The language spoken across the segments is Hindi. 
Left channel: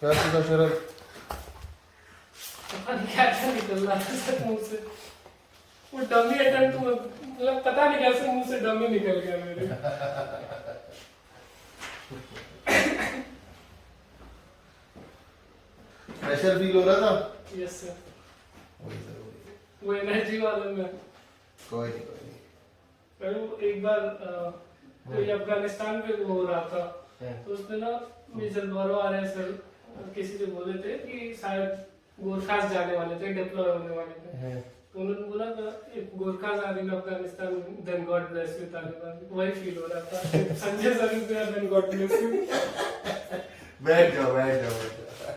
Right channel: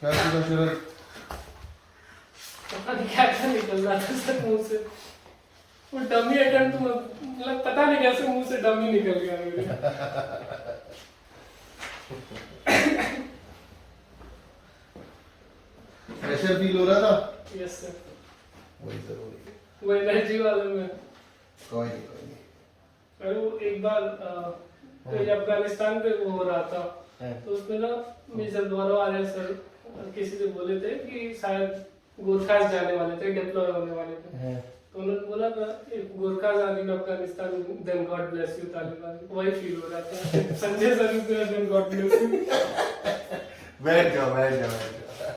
क्या सीखा शरद? पता नहीं क्या क्या निकल रहा था सर मुंह से। वो डमी अटेम्प्ट मतलब पता नहीं कैसे मुंह से डमी निकल गया मेरे। प्रेशर फील हो रहा था? Yes sir. वही तो वही। वो एनर्जी वाले में। कोई नहीं कोई नहीं। अरे वो एक बार कोई अफगानिस्तान पे वो हो रहा था, तो उसमें ना मेजर द्वारा आर्य सर किसी से बोले थे कि शायद गोरखास जाने वाले थे, डिप्लॉय होने वाले थे। तो उन्होंने बोला था Gorkhas are in Afghanistan, then God bless you Taliban. वही फील हो रहा था। Sanjay sir is there, then God bless you. बैठ जाओ बैठ जाओ बैठ जाओ।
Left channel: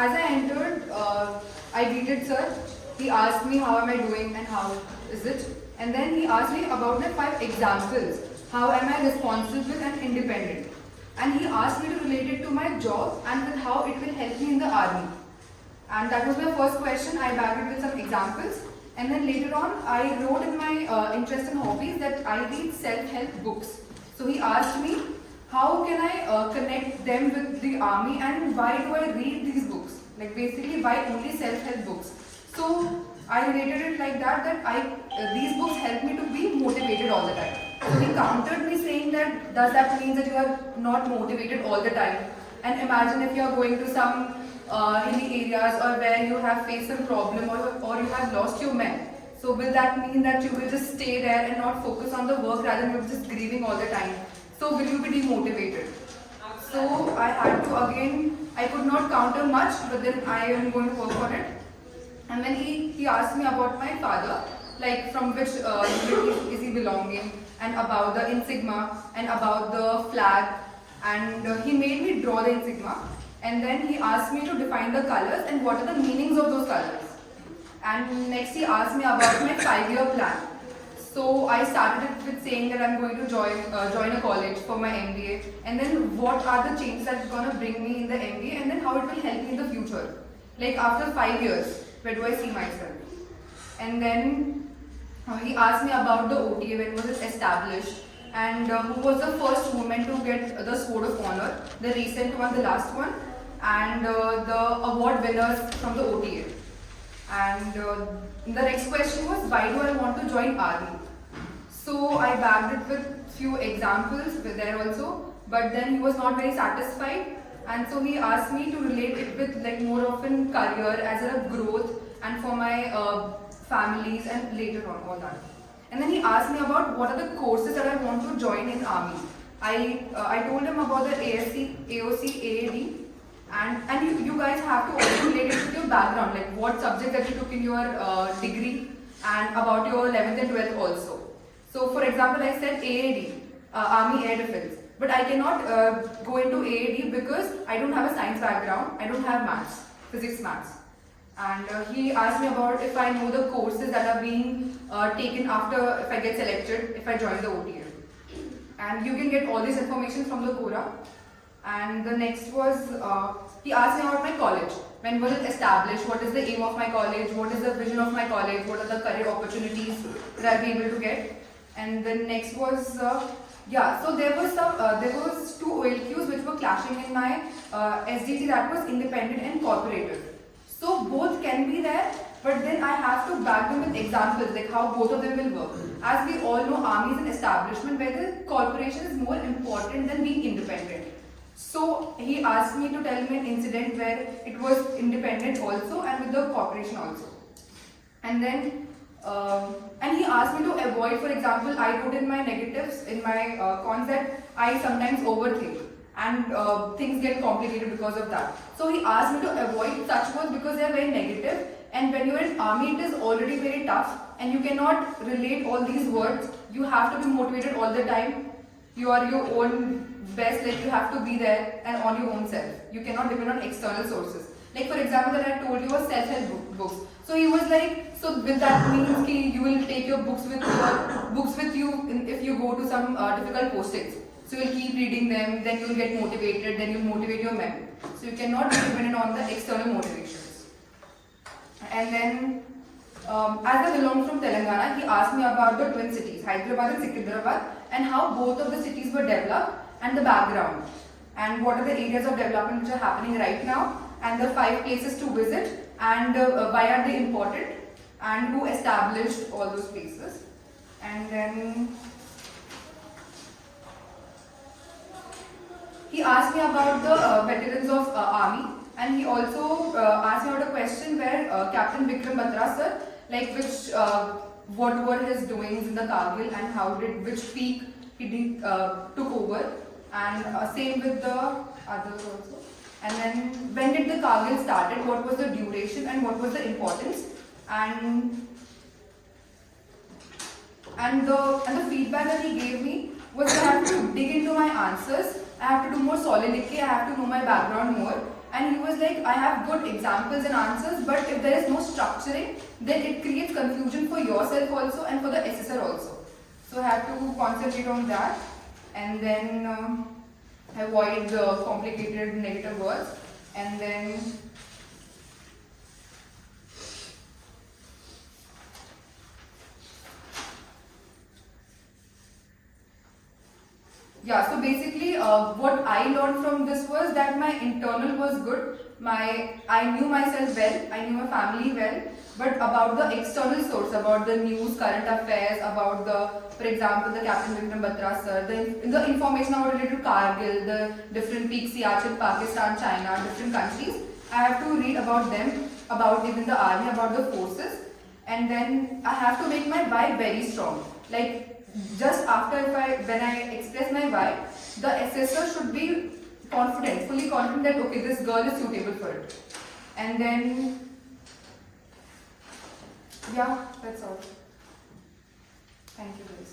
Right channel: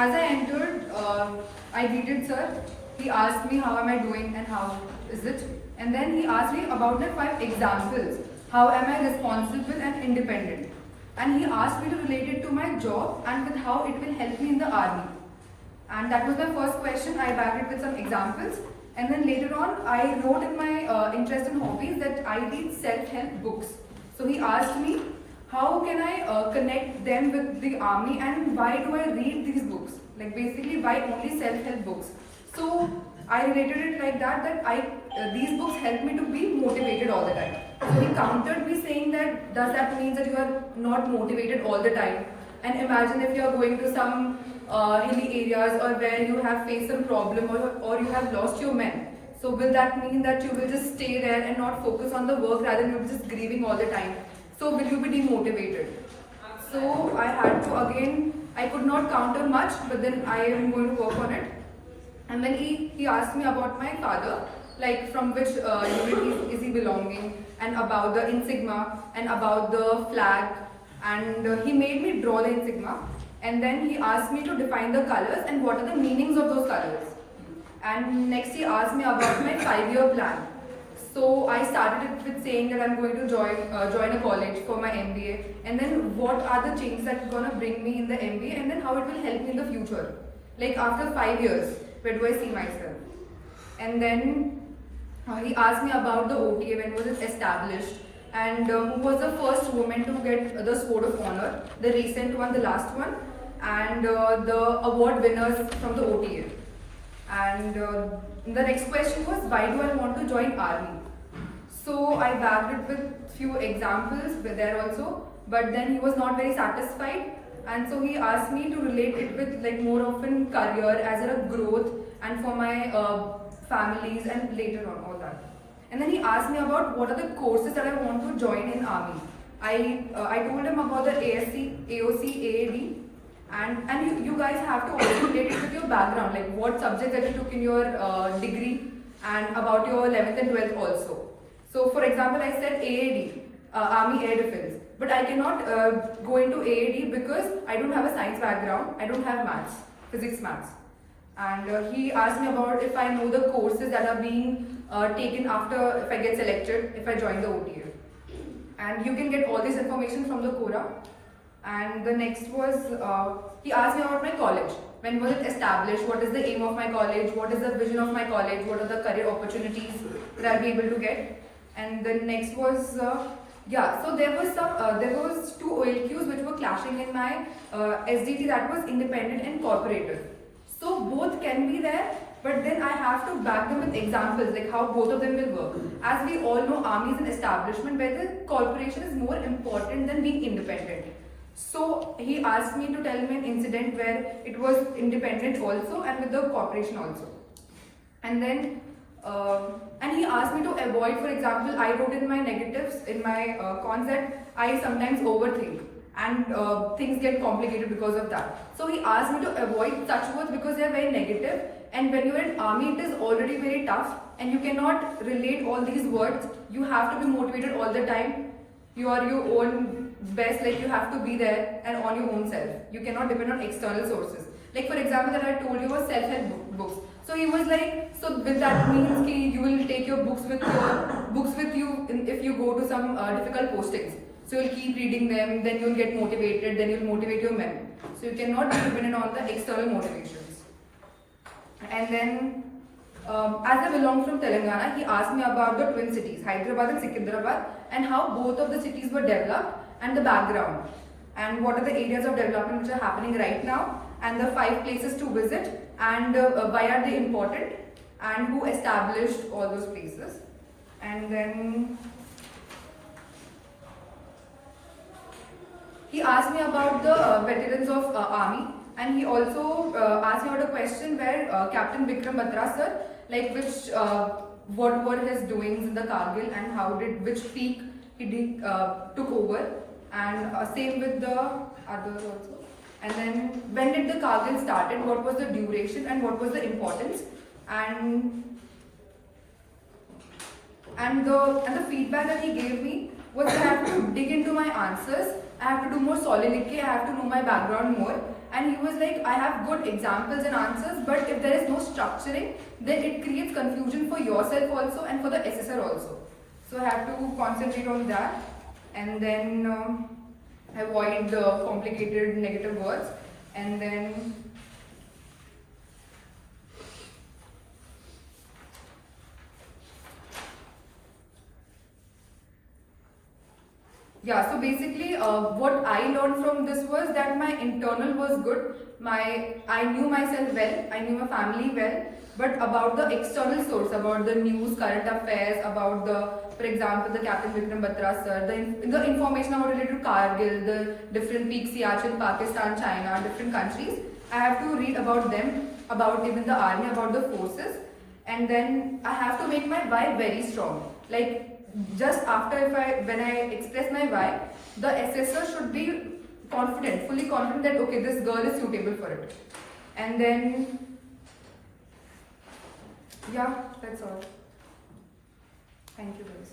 As I entered, I greeted sir. He asked me how am I doing and how is it, and then he asked me about the 5 examples. How am I responsible and independent? And he asked me to relate it to my job and with how it will help me in the army. And that was my first question. I backed it with some examples, and then later on I wrote in my interest and hobbies that I read self-help books. So he asked me, how can I connect them with the army and why do I read these books? Like basically why only self-help books? So I related it like that these books help me to be motivated all the time. So he countered me saying that does that mean that you are not motivated all the time? And imagine if you are going to some hilly areas or where you have faced some problem or you have lost your men. So will that mean that you will just stay there and not focus on the work rather than you're just grieving all the time? So will you be demotivated? So I had to again, I could not counter much, but then I am going to work on it. And then he asked me about my father, like from which unit is he belonging, and about the insignia, and about the flag, and he made me draw the insignia. And then he asked me to define the colors and what are the meanings of those colors. And next he asked me about my 5-year plan. So I started it with saying that I'm going to join a college for my MBA, and then what are the changes that are going to bring me in the MBA, and then how it will help me in the future. Like after 5 years, where do I see myself? And then he asked me about the OTA, when was it established, and who was the first woman to get the Sword of Honor, the recent one, the last one, and the award winners from the OTA. And the next question was, why do I want to join army? So I backed it with few examples there also, but then he was not very satisfied, and so he asked me to relate it with like more of a career as a growth and for my families and later on all that. And then he asked me about what are the courses that I want to join in army. I told him about the ASC, AOC, AAD, and you guys have to also relate it with your background, like what subjects that you took in your degree and about your 11th and 12th also. So for example, I said AAD, Army Air Defense, but I cannot go into AAD because I don't have a science background, I don't have maths, physics, maths. And he asked me about if I know the courses that are being taken after if I get selected, if I join the OTA. And you can get all this information from the Quora. And the next was, he asked me about my college. When was it established? What is the aim of my college? What is the vision of my college? What are the career opportunities that I'll be able to get? And the next was, so there was 2 OLQs which were clashing in my SDT, that was independent and corporative. So both can be there, but then I have to back them with examples, like how both of them will work. As we all know, army is an establishment where the corporation is more important than being independent. So he asked me to tell him an incident where it was independent also and with the corporation also. And then, and he asked me to avoid, for example, I wrote in my negatives, in my cons, that I sometimes overthink and things get complicated because of that. So he asked me to avoid such words because they are very negative, and when you are in army it is already very tough and you cannot relate all these words. You have to be motivated all the time. You are your own best, like you have to be there and on your own self. You cannot depend on external sources. Like for example that I told you was self-help books. So he was like, so will that mean ki you will take your books with you if you go to some difficult postings? So you'll keep reading them, then you'll get motivated, then you'll motivate your men. So you cannot be dependent on the external motivations. And then as I belong from Telangana, he asked me about the twin cities, Hyderabad and Secunderabad, and how both of the cities were developed and the background. and what are the areas of development which are happening right now, and the 5 places to visit, and why are they important, and who established all those places. And then he asked me about the veterans of army, and he also asked me about a question where Captain Vikram Batra sir, like what were his doings in the Kargil and how did which peak he took over, and same with the others also. And then when did the Kargil started, what was the duration and what was the importance, and the feedback that he gave me was that I have to dig into my answers, I have to do more solidity, I have to know my background more. And he was like, I have good examples and answers, but if there is no structuring, then it creates confusion for yourself also and for the assessor also. So I have to concentrate on that, and then avoid the complicated negative words, and then yeah, so basically what I learned from this was that my internal was good, I knew myself well, I knew my family well, but about the external source, about the news, current affairs, about for example, the Captain Vikram Batra sir, the information about related to Kargil, the different peaks, Siachen, Pakistan, China, different countries, I have to read about them, about even the army, about the forces, and then I have to make my why very strong. Like, just after when I express my why, the assessor should be confident, fully confident that okay, this girl is suitable for it. And then yeah, that's all. Thank you guys.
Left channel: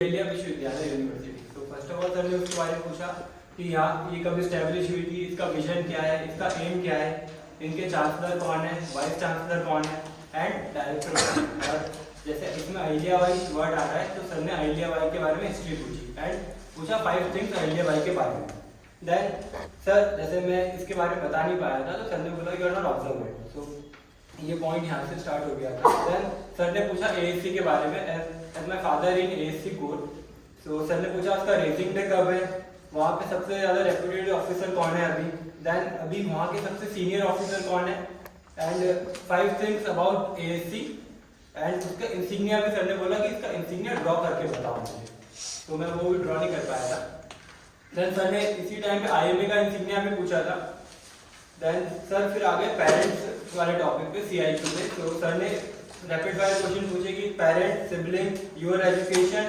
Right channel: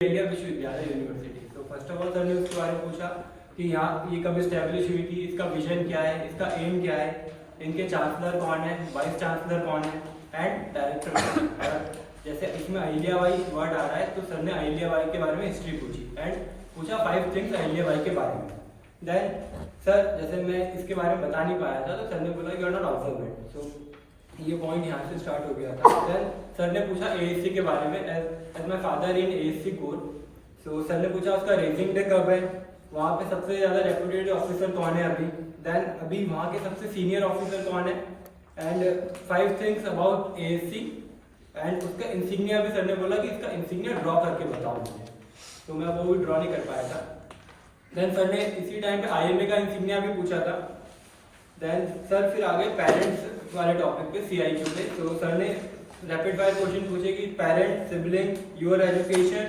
India विश्वविद्यालय यूनिवर्सिटी। तो फर्स्ट ऑफ ऑल सर ने उसके बारे में पूछा कि यहाँ ये कब इस्टेब्लिश हुई थी, इसका विजन क्या है, इसका एम क्या है, इनके चांसलर कौन है, वाइस चांसलर कौन है एंड डायरेक्टर। और जैसे इसमें अहिल्याबाई वर्ड आ रहा है तो सर ने अहिल्याबाई के बारे में हिस्ट्री पूछी एंड पूछा 5 थिंग्स अहिल्याबाई के बारे में। देन सर जैसे मैं इसके बारे में बता नहीं पाया था तो सर ने बोला यू आर नॉट ऑब्जर्वेंट, सो ये पॉइंट यहाँ से स्टार्ट हो गया था। देन सर ने पूछा एएससी के बारे में, as my father in ASC corps, so sir ने पूछा उसका रेजिंग डे कब है, वहाँ पे सबसे ज़्यादा रेपुटेड ऑफिसर कौन है अभी, देन अभी वहाँ के सबसे सीनियर ऑफिसर कौन है, and 5 things about ASC and उसका इंसिग्निया भी सर ने बोला कि इसका इंसिग्निया ड्रॉ करके बताओ मुझे, तो मैं वो भी ड्रॉ नहीं कर पाया था। देन सर ने इसी टाइम पे आईएमए का इंसिग्निया भी पूछा था। देन सर फिर आगे पेरेंट्स वाले टॉपिक पे सीआईक्यू पे, तो सर ने रैपिड फायर क्वेश्चन पूछे कि पेरेंट्स, सिबलिंग, योर एजुकेशन,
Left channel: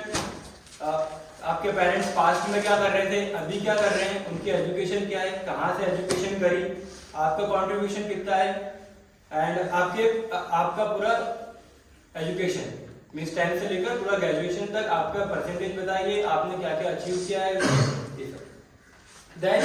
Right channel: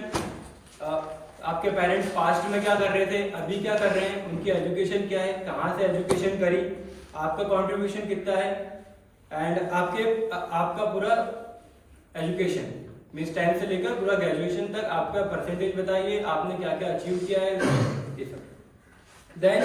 आपके पेरेंट्स पास्ट में क्या कर रहे थे, अभी क्या कर रहे हैं, उनकी एजुकेशन क्या है, कहाँ से एजुकेशन करी, आपका कंट्रीब्यूशन कितना है, एंड आपका पूरा एजुकेशन मीन्स 10 से लेकर पूरा ग्रेजुएशन तक आपका परसेंटेज बताइए, आपने क्या क्या अचीव किया है, ये सब। देन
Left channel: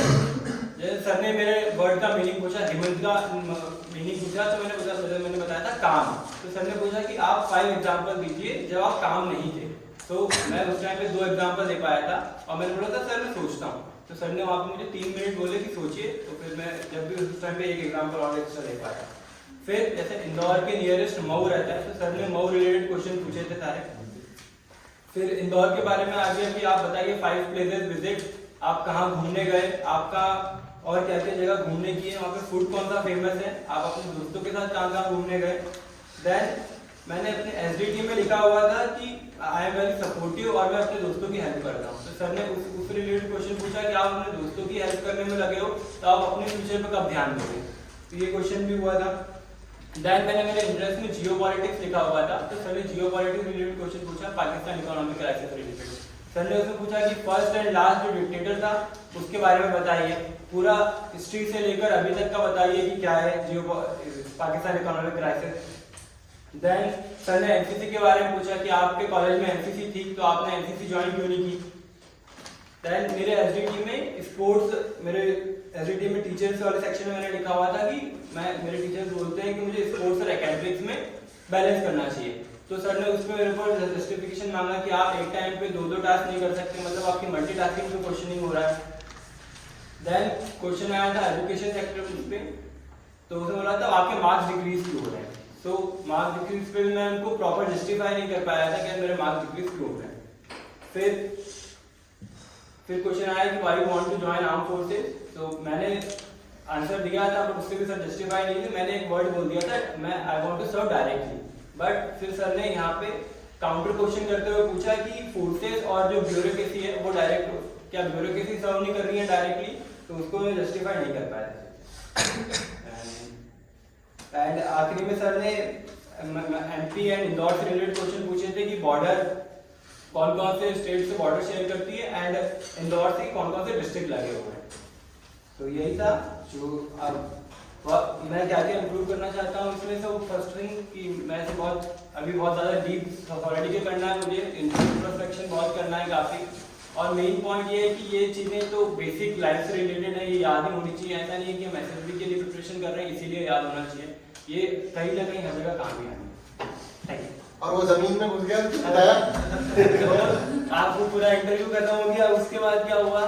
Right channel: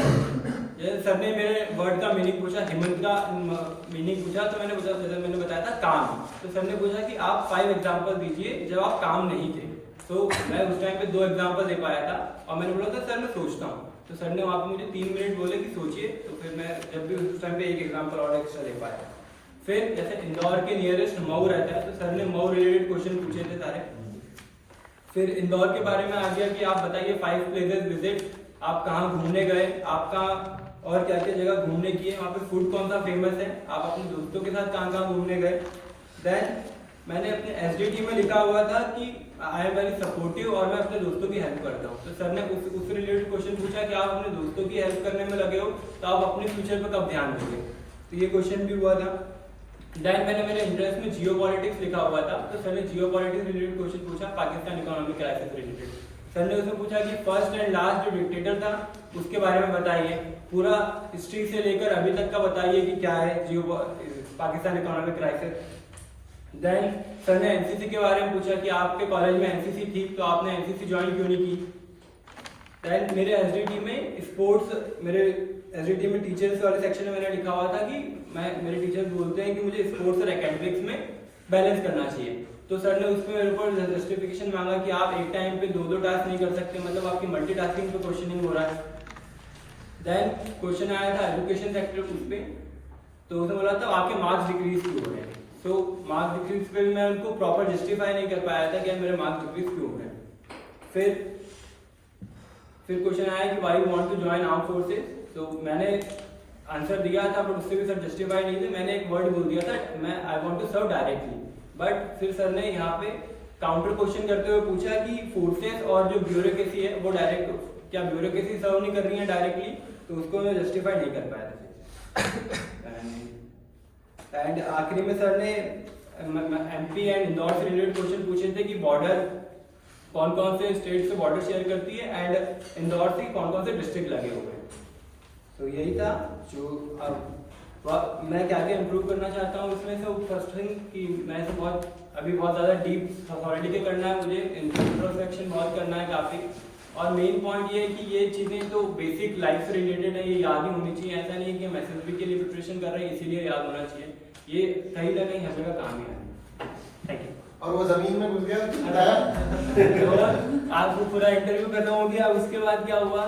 सर ने मेरे वर्ड का मीनिंग पूछा, हेमंत का मीनिंग पूछा, तो मैंने बताया था काम। तो सर ने पूछा कि आप 5 एग्जाम्पल दीजिए जब आप काम नहीं थे, तो मैं उस टाइम पे 2 एग्जाम्पल दे पाया था और मैंने बोला था सर मैं सोचता हूँ, तो सर ने वहाँ पे मुझे 3 मिनट बोले कि सोचिए, तो फिर मैं जब भी उस टाइम पे 1 एग्जाम्पल और एक्स्ट्रा दे पाया। फिर जैसे इंदौर के नियरेस्ट मऊ रहता है, तो सर ने मऊ रिलेटेड क्वेश्चन पूछे थे सारे। फिर इंदौर के बारे में आ गया कि आप बताइए 5 प्लेसेस विजिट, आप कहाँ घूमने गए, आपका और क्या क्या जगह घूमने की है, वहाँ पे फूड कौन सा फेमस है, आप अपने दोस्तों के साथ कहाँ कहाँ घूमने गए। देन मैंने अपने एसडीटी में लिखा हुआ था कि आई एम वेरी सपोर्टिव और मैं अपने दोस्तों की हेल्प करता हूँ, तो सर ने उस रिलेटेड क्वेश्चन पूछा कि आप अपने दोस्तों की हेल्प करने में लगे हो तो आप अपने फ्यूचर पर कब ध्यान दोगे, तो ये क्वेश्चन भी हुआ था। देन मैंने मेरे इंटरेस्ट में जियो पॉलिटिक्स लिखा हुआ था, तो सर ने जियो पॉलिटिक्स रिलेटेड क्वेश्चन पूछा, Pakistan economic crisis related. Sir ने उसमें पूछा कि फर्स्ट एंड लास्ट जो डिक्टेटर था उसके बारे में बताइए, पूरा हिस्ट्री से लेकर अभी तक का बताइए कि क्या है जियो Pakistan economic crisis. Then sir ने एनसीसी के बारे में पूछा कि आपके कॉलेज में एनसीसी थी तो आपने एनसीसी ज्वाइन क्यों नहीं की। देन मेरे एसडीटी में स्पोर्ट्स, मेरे एसडीटी में टीचर्स वाले सेक्शन में मैंने लिखा हुआ था कि मेरे टीचर्स बोलते हैं कि मुझे स्पोर्ट्स और एकेडमिक्स में बैलेंस करना चाहिए, तो सर ने उसमें मेरे ऊपर जस्टिफिकेशन मांगा कि आप एक टाइम पे 2 टास्क नहीं कर सकते, मतलब आपकी मल्टीटास्किंग पे क्वेश्चनिंग हो रहा है। देन क्वेश्चन आया था एजुकेशन सेक्टर उस पे, तो उसने बोला था आपके मार्क्स डिक्रीज क्यों हो रहे हैं, तो मार्क्स डिक्रीज पे मैं उनको प्रॉपर जस्टिफाई नहीं कर पाया था कि मेरे मार्क्स डिक्रीज क्यों हो रहे हैं। फिर फिर क्वेश्चन आया कि why want to join arm forces, तो मैंने आंसर दिया था, पर उससे भी सर जस्टिफाई नहीं थे। मैंने एक वर्ड बोल दिया था, मैं I want to serve directly, but फिर सर ने यहाँ पे काउंटर क्वेश्चन करते हुए पूछा कि फोर्सेस और जो ब्यूरोक्रेसी है वो डायरेक्ट, क्या ब्यूरोक्रेसी सर्व नहीं कर रही है डायरेक्टली, तो उसको मैं जस्टिफाई नहीं कर पाया था। एंड आखिरी में सर ने एमपी एंड इंदौर से रिलेटेड क्वेश्चन पूछे थे कि बॉर्डर कौन कौन से स्टेट से बॉर्डर शेयर करती है एंड इंदौर से कौन कौन से डिस्ट्रिक्ट लगे हुए हैं। तो यही था जो अब मैं क्या क्या इम्प्रूव करना चाहता हूँ इसमें। तो फर्स्ट थिंग कि मैं से अभी बहुत ज़्यादा डीप अथॉरिटी करना है, मुझे इंट्रोस्पेक्शन बहुत करना है काफ़ी। और मेन पॉइंट ये है कि ये चीज़ें तो बेसिक लाइफ से रिलेटेड है, ये याद ही होनी चाहिए। ऐसा नहीं है कि हम एसएसबी के लिए प्रिपरेशन कर रहे हैं इसीलिए याद होना चाहिए, ये कहीं ना कहीं हर जगह काम भी आएंगे। Thank you. और वो जमीन में घुस गया बताया आपको पूरा इंटरव्यू खत्म हो गया, उसके बाद क्या हुआ,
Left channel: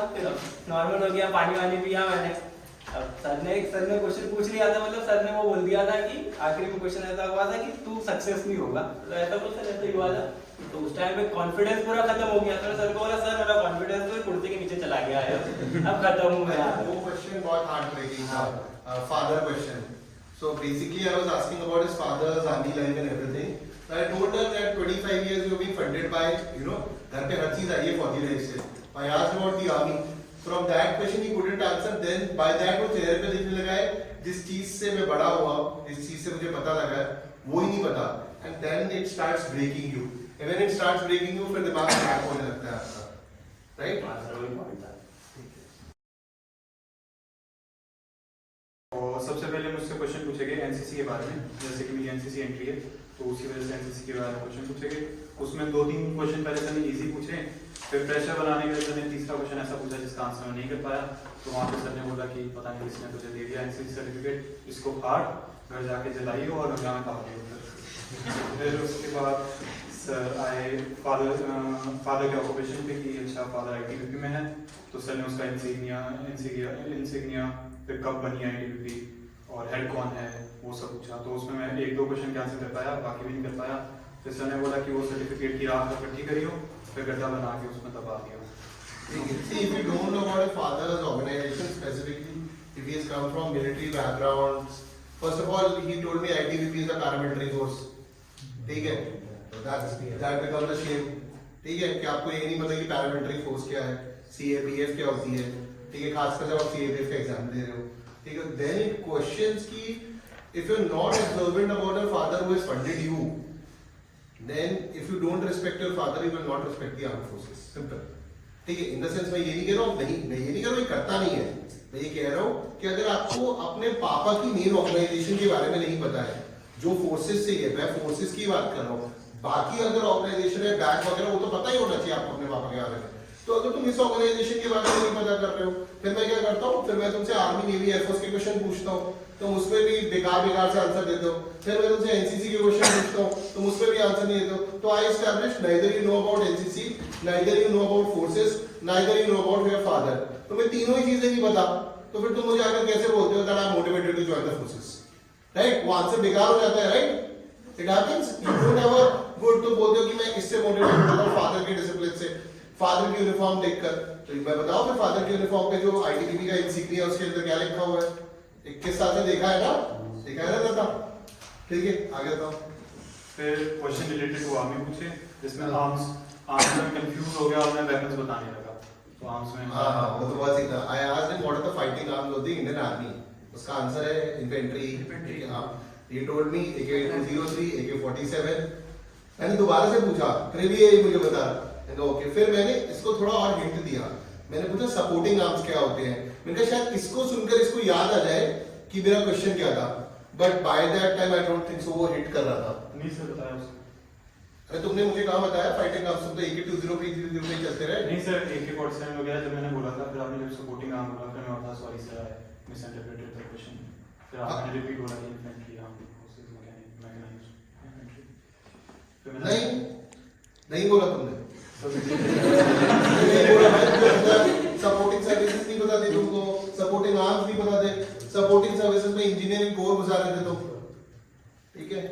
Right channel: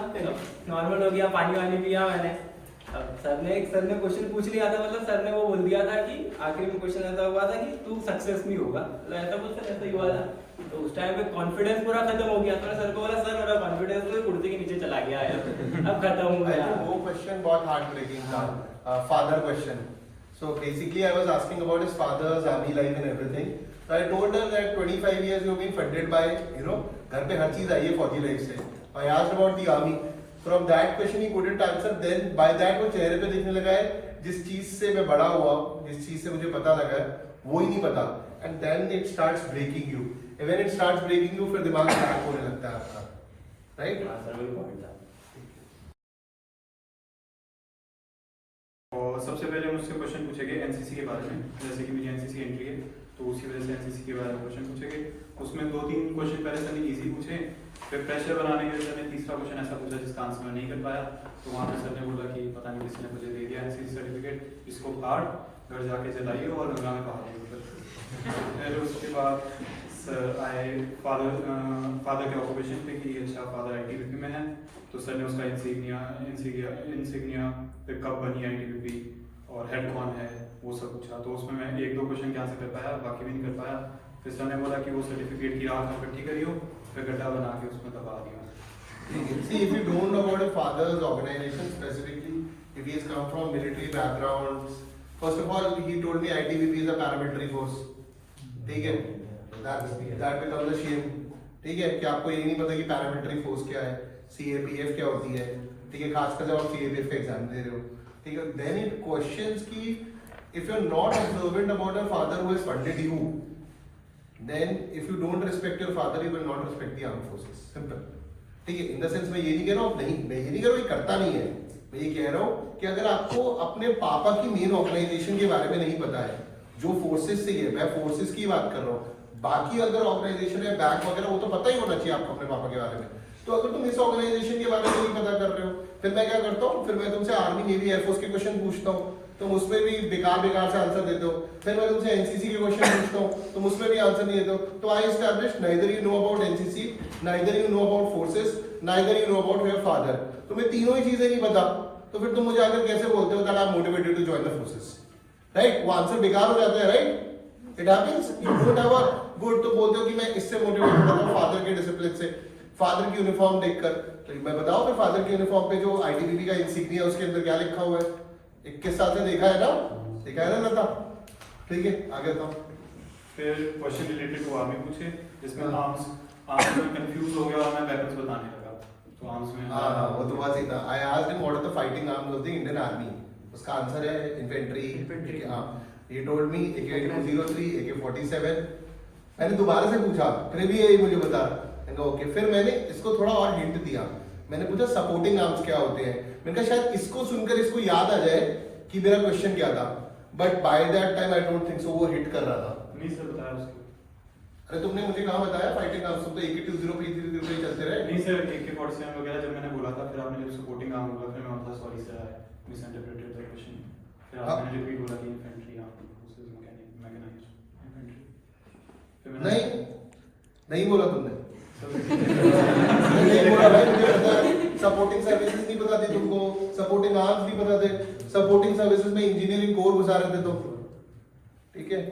नॉर्मल हो गया, पानी वानी पिया मैंने। अब सर ने क्वेश्चन पूछ लिया था, मतलब सर ने वो बोल दिया था कि आखिरी में क्वेश्चन ऐसा हुआ था कि तू सक्सेस नहीं होगा, तो ऐसा कुछ सर ऐसा ही हुआ था। तो उस टाइम पे कॉन्फिडेंस पूरा खत्म हो गया। तो सर को बोला सर मेरा कॉन्फिडेंस तो कुर्सी के नीचे चला गया है, अब खत्म हो गया। वो क्वेश्चन बहुत हार्ड ब्रेकिंग था, father question. So basically, I was asking about his father's army life and everything. So I told her that 25 years you've been funded by, घर पे हर चीज आई है फौजी लाइफ से. I asked about the army. From that question he couldn't answer. Then by that वो चेहरे पे दिखने लगा है जिस चीज से मैं बड़ा हुआ, जिस चीज से मुझे पता लगा है वो ही नहीं पता. And then it starts breaking you. And when it starts breaking you, फिर दिमाग क्रैक होने लगता है आपका, right? और सबसे पहले मुझसे क्वेश्चन पूछे गए एनसीसी के बारे में, जैसे कि मेरी एनसीसी एंट्री है तो उसी वजह से एनसीसी के बारे में क्वेश्चन पूछे गए। उसमें 2-3 क्वेश्चन पहले सर ने इजी पूछे, फिर प्रेशर बनाने के लिए सर ने तीसरा क्वेश्चन ऐसा पूछा जिसका आंसर मैं नहीं कर पाया। तो वहाँ पे सर ने बोला कि पता नहीं किसने तुझे दे दिया एनसीसी सर्टिफिकेट, इसको फाड़ घर जाके जलाइए और गंगा में बहा दिए। फिर उसके बाद सर आए फादर के ऑक्यूपेशन पे कि अच्छा फादर आईटीबीपी में है, तो सर ने उसका इंसिग्निया फिर कब बनी आईटीबीपी और हेड कौन है वो सब पूछा। तो उसमें मैं 1-2 क्वेश्चन आंसर कर पाया, बाकी भी नहीं कर पाया। फिर सर ने बोला कि वो सर्टिफिकेट की रात में इकट्ठी करियो, फिर गड्ढा बना के उसमें दबा दिया। See, if you don't know about your father's organization specifically, if he has come from military background, first of all, he told me ITBP is a paramilitary force. ठीक है, that becomes a shame. ठीक है, कि आपको ये नहीं पता कि paramilitary force क्या है, CAPF क्या होती है, ठीक है, खासकर जब आप CAPF का एग्जाम दे रहे हो, ठीक है, then it questions कि if you're not observant about your father who has funded you, then if you don't respect your father, you will not respect the armed forces. Simple. ठीक है, इन द सेंस मैं ये नहीं कह रहा हूँ मैं ये नहीं कह रहा हूँ ये करता नहीं है, मैं ये कह रहा हूँ कि अगर आपको अपने पापा की मेन ऑर्गेनाइजेशन के बारे में नहीं पता है, जो फोर्सेस से है, मैं फोर्सेस की बात कर रहा हूँ, बाकी अगर ऑर्गेनाइजेशन है बैक वगैरह वो तो पता ही होना चाहिए आपको अपने पापा के बारे में। तो अगर तुम इस ऑर्गेनाइजेशन के बारे में नहीं पता कर रहे हो, फिर मैं क्या करता हूँ, फिर मैं तुमसे आर्मी नेवी एयरफोर्स के क्वेश्चन पूछता हूँ, तुम उसमें भी बेकार से आंसर देते हो। फिर मैं तुमसे एनसीसी के क्वेश्चन पूछता हूँ, तुम उसमें भी आंसर नहीं देते हो। तो I establish neither you know about NCC, neither you know about forces, neither you know about your father. तुम्हें तीनों ही चीजें नहीं पता, तो फिर तुम मुझे आकर कैसे बोलते हो that I am motivated to join the forces, right? वो आंसर बेकार हो जाता है, right? It happens. You don't have a good, तो बोलते हो कि मैं इससे मोटिवेटेड हूं फादर के डिसिप्लिन से, फादर की यूनिफॉर्म देखकर। तो मैं बताऊं फिर फादर के यूनिफॉर्म पे जो आईटीबीपी का इंसिग्निया उसके अंदर क्या लिखा हुआ है, 21 साल से देखा है ना, देखा है ना लता? ठीक है, आगे था। फिर क्वेश्चन रिलेटेड टू आर्मी पूछे, जिसमें आर्म्स में कंफ्यूज हो गया और मैं वेपन्स बताने लगा। तो आर्म्स में वो तो बहुत सीधा। I asked him what are the fighting arms of the Indian army, उसका आंसर है infantry arm. He told me AK-203, AK-47। मैंने दोबारा से पूछा, फिर भी यही मुझे बता। ओके, फिर मैंने इसको थोड़ा और हिंट दिया, मैंने पूछा सपोर्टिंग आर्म्स क्या होते हैं। मैंने कहा शायद इसको सुनकर इसको याद आ जाए कि मेरा क्वेश्चन क्या था, but by that time I don't think so वो हिट कर रहा था। नहीं सर बताया उसको। अरे तुमने मुझे कहाँ बताया फाइटिंग आर्म्स? तुम तो AK-203 303 चलते रहे। नहीं सर, AK-47 वगैरह जब मैंने बोला था, फिर आपने जब सपोर्टिंग आर्म बोला, फिर मैं बोला sorry sir I misinterpreted the question. फिर आपने रिपीट बोला कि infantry arm forces mechanized infantry. नहीं बोला तुमने। नहीं बोला भाई, सपोर्टिंग सर्विसेज नहीं पता थे तुमको, सपोर्टिंग आर्म्स नहीं पता थे, सपोर्टिंग सर्विसेज में इंजीनियरिंग कोर घुसा रहे थे तुम। ठीक है,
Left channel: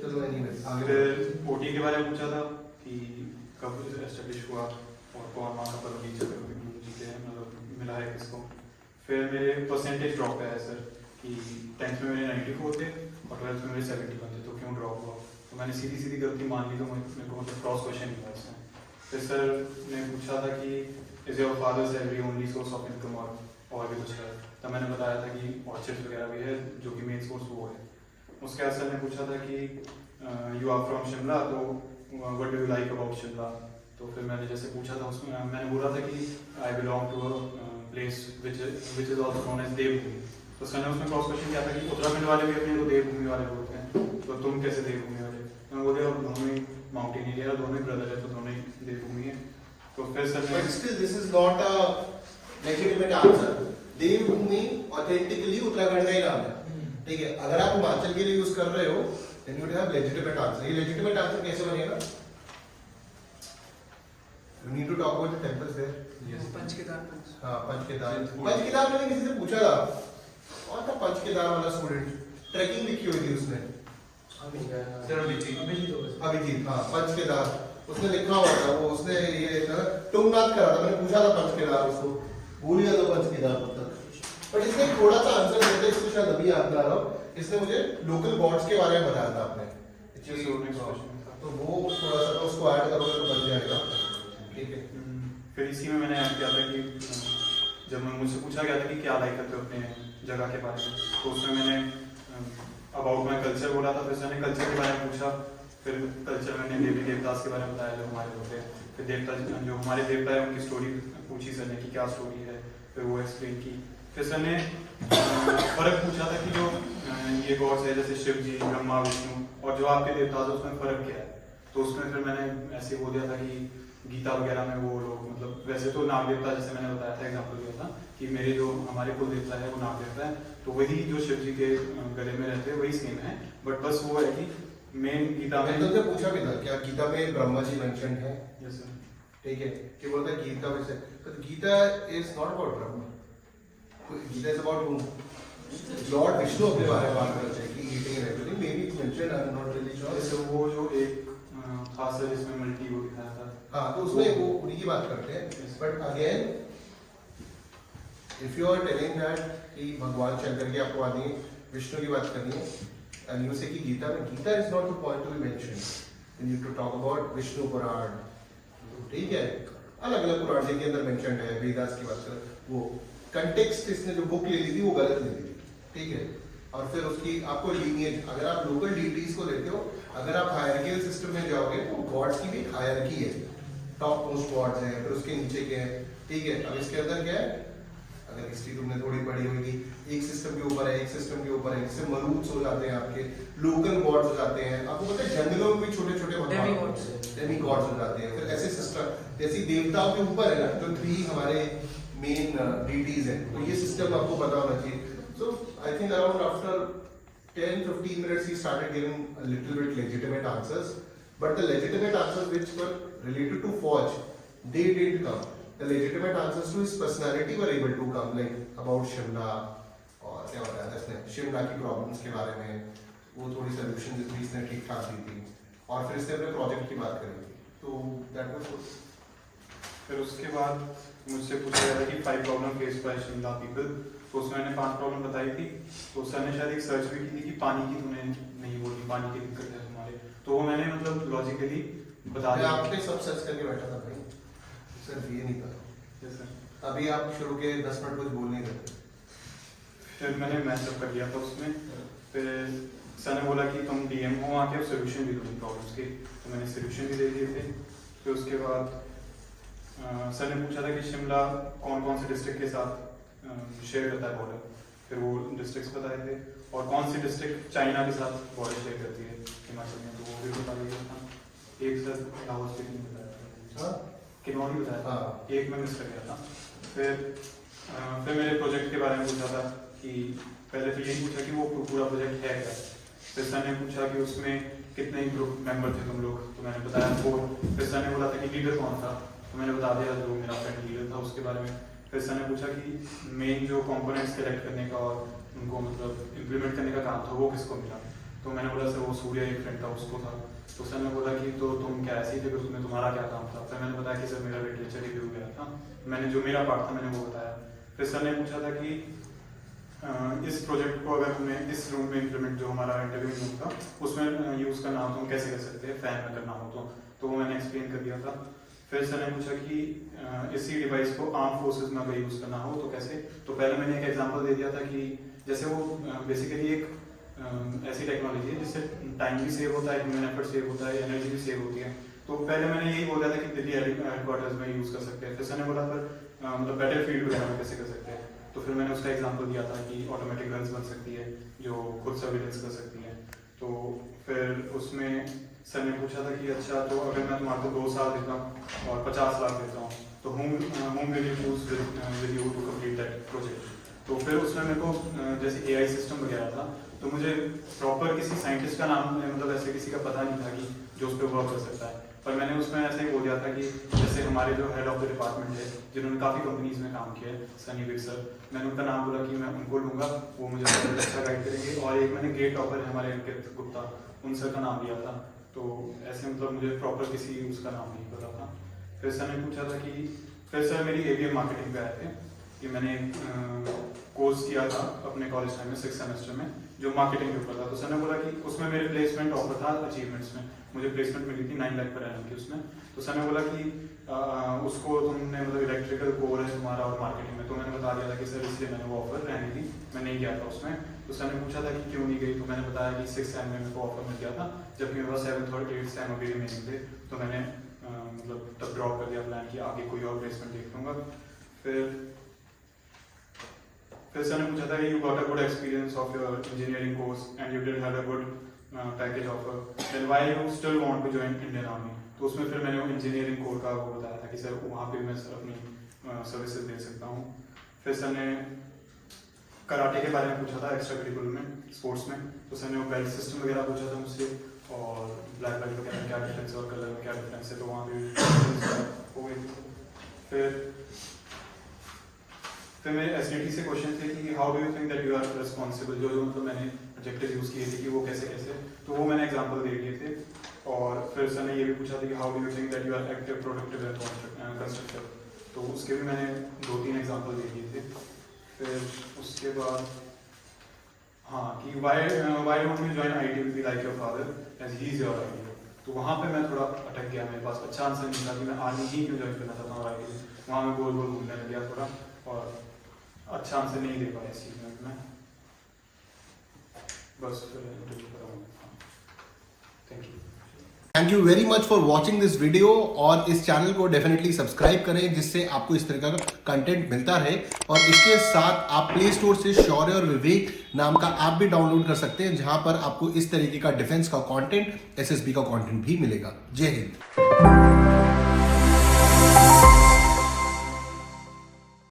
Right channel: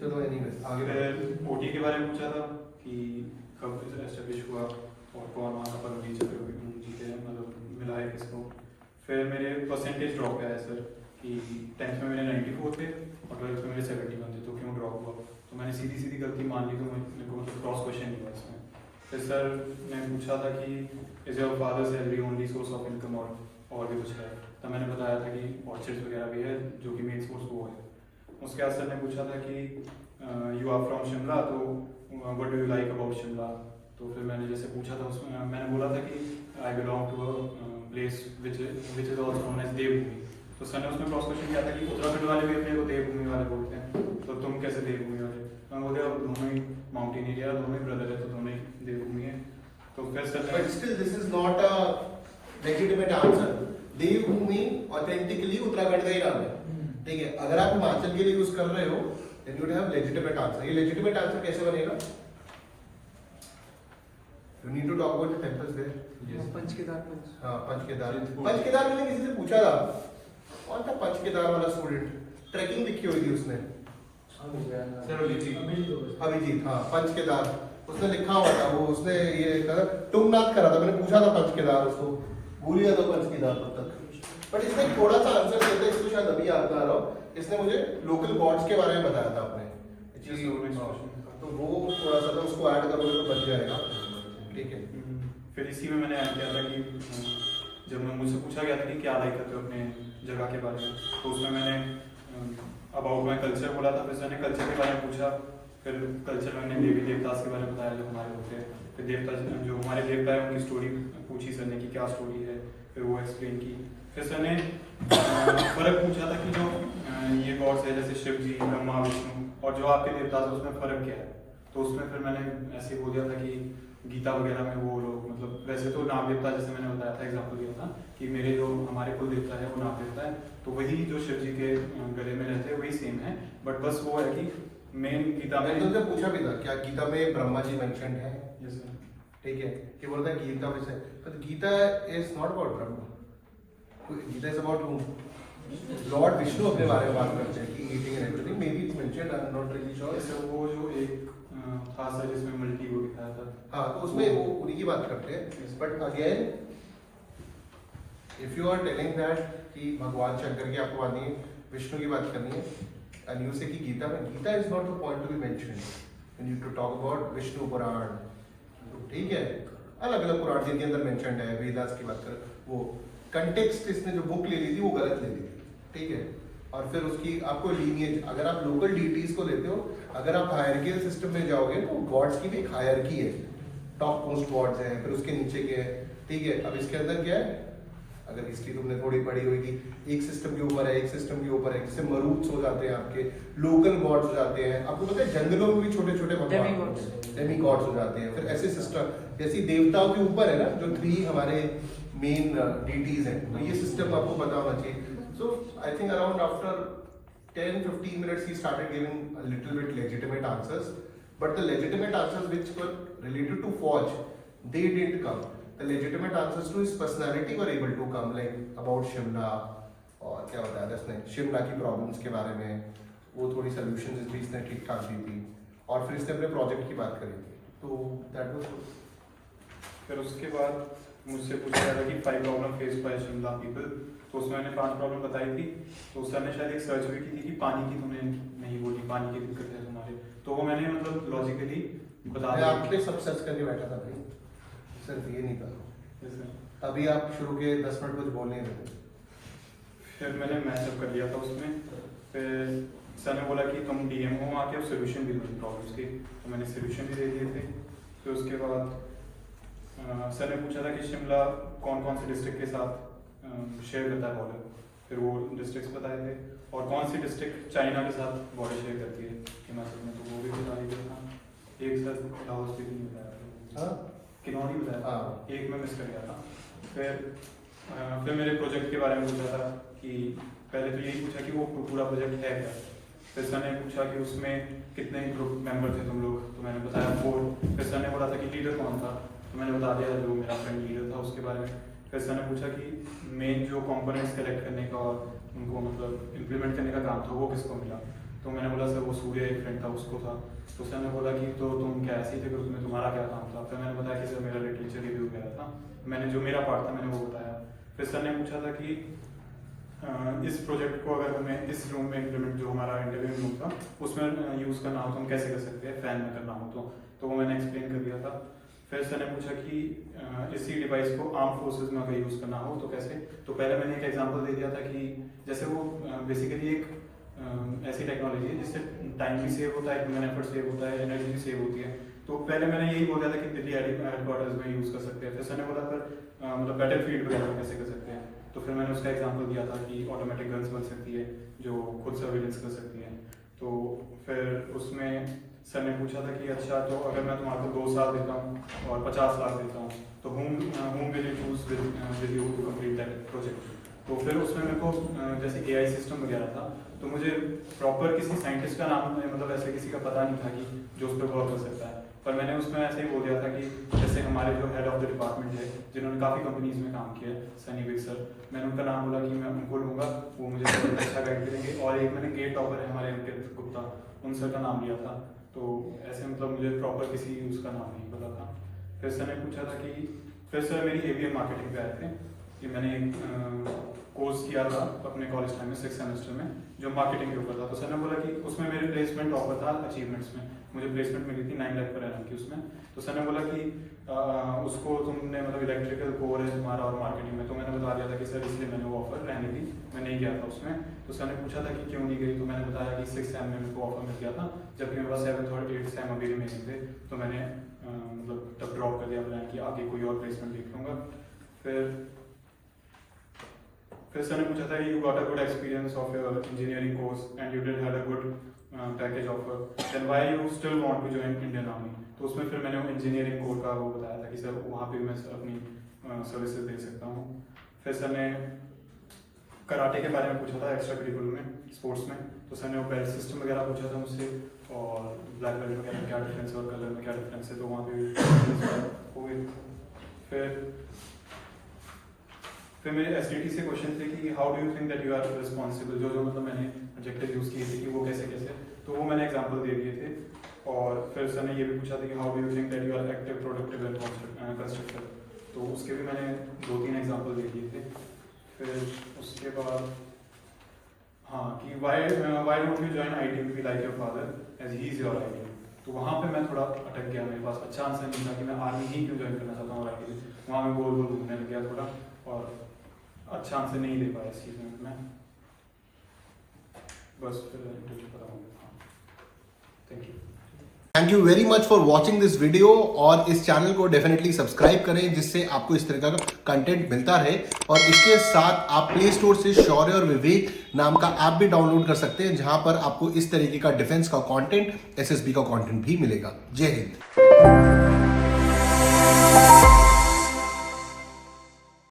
चलो एनीवे आगे। फिर ओटी के बारे में पूछा था कि कब एस्टेब्लिश हुआ और कौन वहाँ का पदवी जीते हैं, मतलब मिला है किसको। फिर मेरे परसेंटेज ड्रॉप पे आया सर कि 10th में मेरे 94 थे और 12th में मेरे 71 थे, तो क्यों ड्रॉप हुआ। तो मैंने सीधी गलती मान ली, तो मेरे को मतलब क्रॉस क्वेश्चन नहीं हुआ इसमें। फिर सर ने पूछा था कि is your fathers salary only source of income और भी कुछ है, तब मैंने बताया था कि ऑर्चिड्स वगैरह भी है जो कि मेन सोर्स वो है। उसके बाद सर ने पूछा था कि यू आर फ्रॉम शिमला, तो what do you like about Shimla. तो फिर मैंने जैसे पूछा था उसमें मैंने बोला था कि I belong to a place which is also known as Devbhoomi. तो सर ने उसमें क्रॉस क्वेश्चन किया था कि उत्तराखंड वाले भी अपने को देवभूमि वाले बोलते हैं, तो तुम कैसे देवभूमि वाले। मैं बोल रहा दोनों ही माउंटेन एरिया, दोनों ही ब्रदर है, तो दोनों ही देवभूमि है। तो फिर सर ने But still, this is not a legitimate answer. देवभूमि ऑथेंटिकली उत्तराखंड का ही नाम है, ठीक है। अगर आप हिमाचल के लिए यूज कर रहे हो then you would have legitimate answer. ये legitimate answer कैसे बनेगा? You need to talk about the temples there. Panchkedar हाँ, पंचकेदार मैंने किसी से पूछा था, कौन था पंचकेदार वाला स्टूडेंट, ट्रैकिंग लिखी हुई थी उसने, अभिजीत, हाँ पंचकेदार उसने लिखा हुआ था, वो उसने ये तुंगनाथ करा था। मैंने पूछा था पंचकेदार, उसको भूल गया तो पंचकेदार तक। बट इसने थोड़ा सा आंसर दिया था, इसको शायद अभी याद ना रहा हो। इसने मुझे लोकल गॉड्स के बारे में बताया था आपने, तो वो थोड़ा सा उसको ऐड करोगे तो बच जाएगा, ठीक है। फिर इसी में मैंने ऐड किया था कि जब मुझसे पूछा गया था कि क्या लाइक करते हो अपने जगह के बारे में, तो उसमें मैंने अबाउट माई कल्चर बोला था। फिर सर ने कल्चर के बारे में पूछा, फिर कल्चर में मैंने देवी देवतास के बारे में बताया जो हमारे होते हैं। फिर देवता जो हमारे देवता है उनकी स्टोरी पूछी सर ने कि क्या स्टोरी है, फिर वो एक्सप्लेन की। फिर सर ने फर्क पूछा था कि जो ये गॉड्स है जैसे शिव जी, ब्रह्मा, विष्णु, और जो आपके देवता है उसमें फर्क क्या है। तो उसमें फिर मैंने ऐसे बोल दिया था कि गीता वगैरह में वो लोग मतलब वैसे तो नाग देवता, जैसे मैंने बताया था एग्जांपल दिया था कि मेरे जो हमारे कुल देवता है वो नाग देवता है, तो वही जो शिव जी के गले में रहते हैं वही सेम है। बट बस वो है कि मेन गीता में तुमसे पूछा भी था क्या गीता में ब्रह्मा जी मेंशन है, यस सर, ठीक है। ये बोलता है गीता वैसे, but Gita is not about Brahma. Gita is about whom? Lord Vishnu अपने बारे में बात करते हैं कि eating and everything. Maybe it's mentioned, I'm not really sure. जैसे वो जो एक था सर जिसमें मल्टी वो दिखाया था, हाँ, तो उसमें वो उन्हीं की बात करते हैं। But again, if you are telling that कि भगवान शंकर की आपको आनी है, विष्णु की बात करनी है, and you say कि गीता में, Gita is not the point to be mentioned. We need to talk about Vishnu पुराण, ठीक है। अलग अलग पुराण जिनके अंदर मेंशन्ड है, वेदास की बात कर, वो कंटेक्स्ट इसने जो बुक ले ली थी वो गलत ले ली थी, ठीक है। और फिर उसकी आपको लीनिएज, अगर आप लोकल डीटीज को लेते हो, अगर आप हायरकियल सिस्टम में जाओगे तो गॉड्स की भी एक हायरकी है, टॉप मोस्ट गॉड्स हैं, फिर उसके नीचे के हैं, ठीक है। अब इसके अंदर क्या है, अगर हिस्ट्री तुमने थोड़ी पढ़ी हुई थी, एक सिस्टम के ऊपर है, एक सिस्टम के ऊपर है, जिससे मरूद्स हो जाते हैं, आपके लोकल गॉड्स हो जाते हैं। आपको पता है जंगलों में भी छोटे छोटे भगवान डेमी गॉड्स हो जाते हैं। फिर ऐसे सिस्टम जैसे देवताओं के ऊपर है ना, जो 3 हमारे मेन डीटीज हैं, तो ये सिस्टम आपको पता होना चाहिए। So I think around after 10-15 minutes he started giving a little bit legitimate answers, but the legitimate answers which were related to Forge, they didn't come. The legitimate answers to his personality were able to come, like about Shimla, और क्या बताया था इसने, शिमला की प्रॉब्लम्स के बारे में, वो थोड़ी सोल्यूशन भी इसने ठीक ठाक दी थी, और फिर इसने अपने प्रोजेक्ट की बात करी थी, तो दैट वाज गुड। फिर उसके बाद मुझसे पूछा गया था कि 5 problem face by Shimla people, तो उसमें मैंने 5 प्रॉब्लम बताई थी। तो सर ने शायद एक सर्च भी की थी कि पानी की तुमने नहीं बोली, पानी की दिक्कत है तुम्हारे, तो वो मैंने मतलब लॉजिकली बता मैं दिया। आपके सब सर्च करके बैठा था भाई, सिर्फ ये नहीं था। Yes, sir. अभी आप शुरू के 10 मिनट कुछ बोल नहीं रहे। फिर मैंने मैचअप कर लिया था उसमें। फिर सर ने बोला कि तुम डीएम हो वहाँ के, अब सोल्यूशन भी दो प्रॉब्लम्स के, तो मैंने सोल्यूशन भी दे दिए थे। फिर उसके बाद सर ने पूछा था कि शिमला कौन कौन से डिस्ट्रिक्ट के साथ शेयर करता है बॉर्डर, फिर वो डिस्ट्रिक्ट्स बताए थे, और कौन सी डिस्ट्रिक्ट चाइना के साथ बॉर्डर शेयर करती है हिमाचल में, तो वो भी बता दिया था। एक सर लाहौल स्पीकिंग बताया था, हाँ, किन्नौरी बताया था, हाँ। एक में मिस कर गया था। फिर मेरे प्रोजेक्ट के बारे में पूछा था कि पहले तो यही पूछा कि वो पूरा प्रोजेक्ट है क्या। फिर सर ने पूछा कि उसमें कितने ग्रुप मेंबर थे तुम लोग, तो मैंने बताया 4। फिर सर ने बोला था कि लीडर कौन था, तो मैंने बता दिया जो मेरा फ्रेंड लीडर था उसके बारे में। फिर सर ने पूछा कि मेन जो कंपोनेंट्स कलेक्ट करने का और उनको मतलब इम्प्लीमेंट करने का काम था वो किसको मिला, तो मैंने बोला सर वो सूर्य एक फ्रेंड था उसको था। तो सर ने बोला कि तो तुम क्या ऐसे ही थे कि उसमें तुम्हारा क्या काम था? फिर मैंने बताया कि सर मेरा लिटरेचर रिव्यू गया था, मैंने जो मेरा पार्ट था मैंने वो बताया। फिर सर ने पूछा था कि इस प्रोजेक्ट को अगर तुम्हें इस रूम में इम्प्लीमेंट, जो हमारा इंटरव्यू रूम था उसमें यूज़ करना हो तो हम कैसे कर सकते हैं, फैन में करना हो तो वो मैंने एक्सप्लेन कर दिया था। फिर सर ने पूछा कि इसी डिवाइस को आर्म फोर्सेस में अगर यूज़ करना हो तो कैसे? तो पहले मैंने एक एग्जांपल दे दिया था कि जैसे वो बेसिकली एक ऐसी टेक्नोलॉजी है जिससे टाइम भी सेव होता है, ह्यूमन एफर्ट सेव होता है, एनर्जी भी सेव होती है। तो पहले मैंने यही बोल दिया था कि दिल्ली हेडक्वार्टर्स में यूज़ कर सकते हैं। फिर सर ने बोला पर मतलब बैटल फील्ड वगैरह में कैसे कर सकते हैं? तो फिर मैंने उसका एग्जांपल दिया था कि ऑटोमेटिक गन्स बन सकती है जो खुद सर्विलेंस कर सकती है। तो फिर उसमें सर ने पूछा था कि अच्छा तो अगर मैं तुम्हारे को 2 साल देता हूँ और 50 लाख देता हूँ तो whom will you choose with you to complete that project? तो फिर उसमें मेरे को जैसे AI सिस्टम वगैरह था तो मुझे प्रॉपर किसी साइंटिस्ट का नाम मतलब ऐसे किसी का पता नहीं था कि जो उस पर वर्क कर सकता है। पर मैंने उसमें ऐसे ही बोल दिया था कि जैसे हमारे जो हेड ऑफ द डिपार्टमेंट है जिन्होंने काफ़ी कंपनीज में काम किया है, सनी विक सर, मैंने उनका नाम बोला कि मैं उनको लूँगा, वो मुझे बहुत अच्छा गाइड करेंगे। और एक मैंने गेट टॉपर है हमारे अंकित गुप्ता, उन सर का नाम लिया था। तो ऐसे मतलब मुझे प्रॉपर किसी उसका नाम नहीं पता था। फिर सर ने पूछा था कि फिर सर मेरी ABM मार्केटिंग पे आए थे कि मैंने कोर्स किया था अपने कॉलेज टाइम में 6th सेमेस्टर में जो मार्केटिंग के ऊपर था। तो सर ने बोला कि उसमें मेरे प्लेसमेंट ऑफर था अचीवमेंट्स में, मुझे प्लेसमेंट मिली थी 9 लाख पर एनम की उसमें। तो सर ने बोला कि उसको तुमने मतलब इलेक्ट्रिकल कोर है तुम्हारा और मार्केटिंग में, तो मैंने बता दिया था कि सर इसलिए मैंने वो ऑफर रहने दी, मैं नहीं गया था उसमें। तो सर ने पूछा था कि क्यों नहीं गई? तो मैंने बताया कि 6th सेम में मेरे को ऑफर मिल गया था, जबकि मेरे पास 7th और 8th सेम अभी रिमेनिंग थे। तो मैंने मतलब तब ड्रॉप कर दिया प्लान कि आगे कोई और प्लेसमेंट देख लूँगा। फिर सर ने पूछा था कि you got a good experience of your engineering course and you did had a good package offer, then why you still want to join Indian army? तो उसमें फिर मैंने वो इंजीनियरिंग कोर का वो बताया था कि सर वहाँ पे मैं अपनी सर्विसेज दे सकता हूँ। फिर सर ने कराटे के बारे में पूछा था एक्स्ट्रा करिकुलर में, स्पोर्ट्स में। तो सर ने वो बेल्ट सिस्टम वगैरह पूछा था मुझसे और ब्लैक बेल्ट वगैरह क्या डिफरेंस है और कलर में क्या डिफरेंस है, तो वहाँ पे हो गई। फिर मेरे SDT से क्वेश्चन थे कि how do you think that you are responsible, जो मतलब मैंने एडजेक्टिव यूज़ किए थे कि वो कैसे कैसे, तो वो मैंने एग्जांपल दे दिए थे। और फिर सर ने ये भी पूछा था कि how do you think that you are active, productive and constructive, तो उसके भी मैंने 2-3 एग्जांपल दे दिए थे। फिर उसके बाद हाँ कि why don't you join ITBP like your father as he is your ideal? तो वहाँ पे मैं थोड़ा अटक गया, मेरे पास अच्छा आंसर नहीं था कि मैं आर्मी ही क्यों ज्वाइन करना चाहता हूँ ITBP। वहाँ मैं गोल गोल घूमने लग गया थोड़ा और अच्छा आंसर नहीं दे पाया इस चीज़ में मैं, बस फिर इंटरव्यू कराऊंगा। Thank you. Thank you very much for watching this video और इस चैनल को डेफिनेटली सब्सक्राइब करें जिससे आपको इस तरह का कंटेंट मिलता रहे। और इसके साथ आप प्ले स्टोर से शौर्य और विवेक नाम का ऐप भी डाउनलोड कर सकते हैं जहां पर आपको इस तरीके का डिफेंस का कंटेंट, SSB का कंटेंट भी मिलेगा। जय हिंद।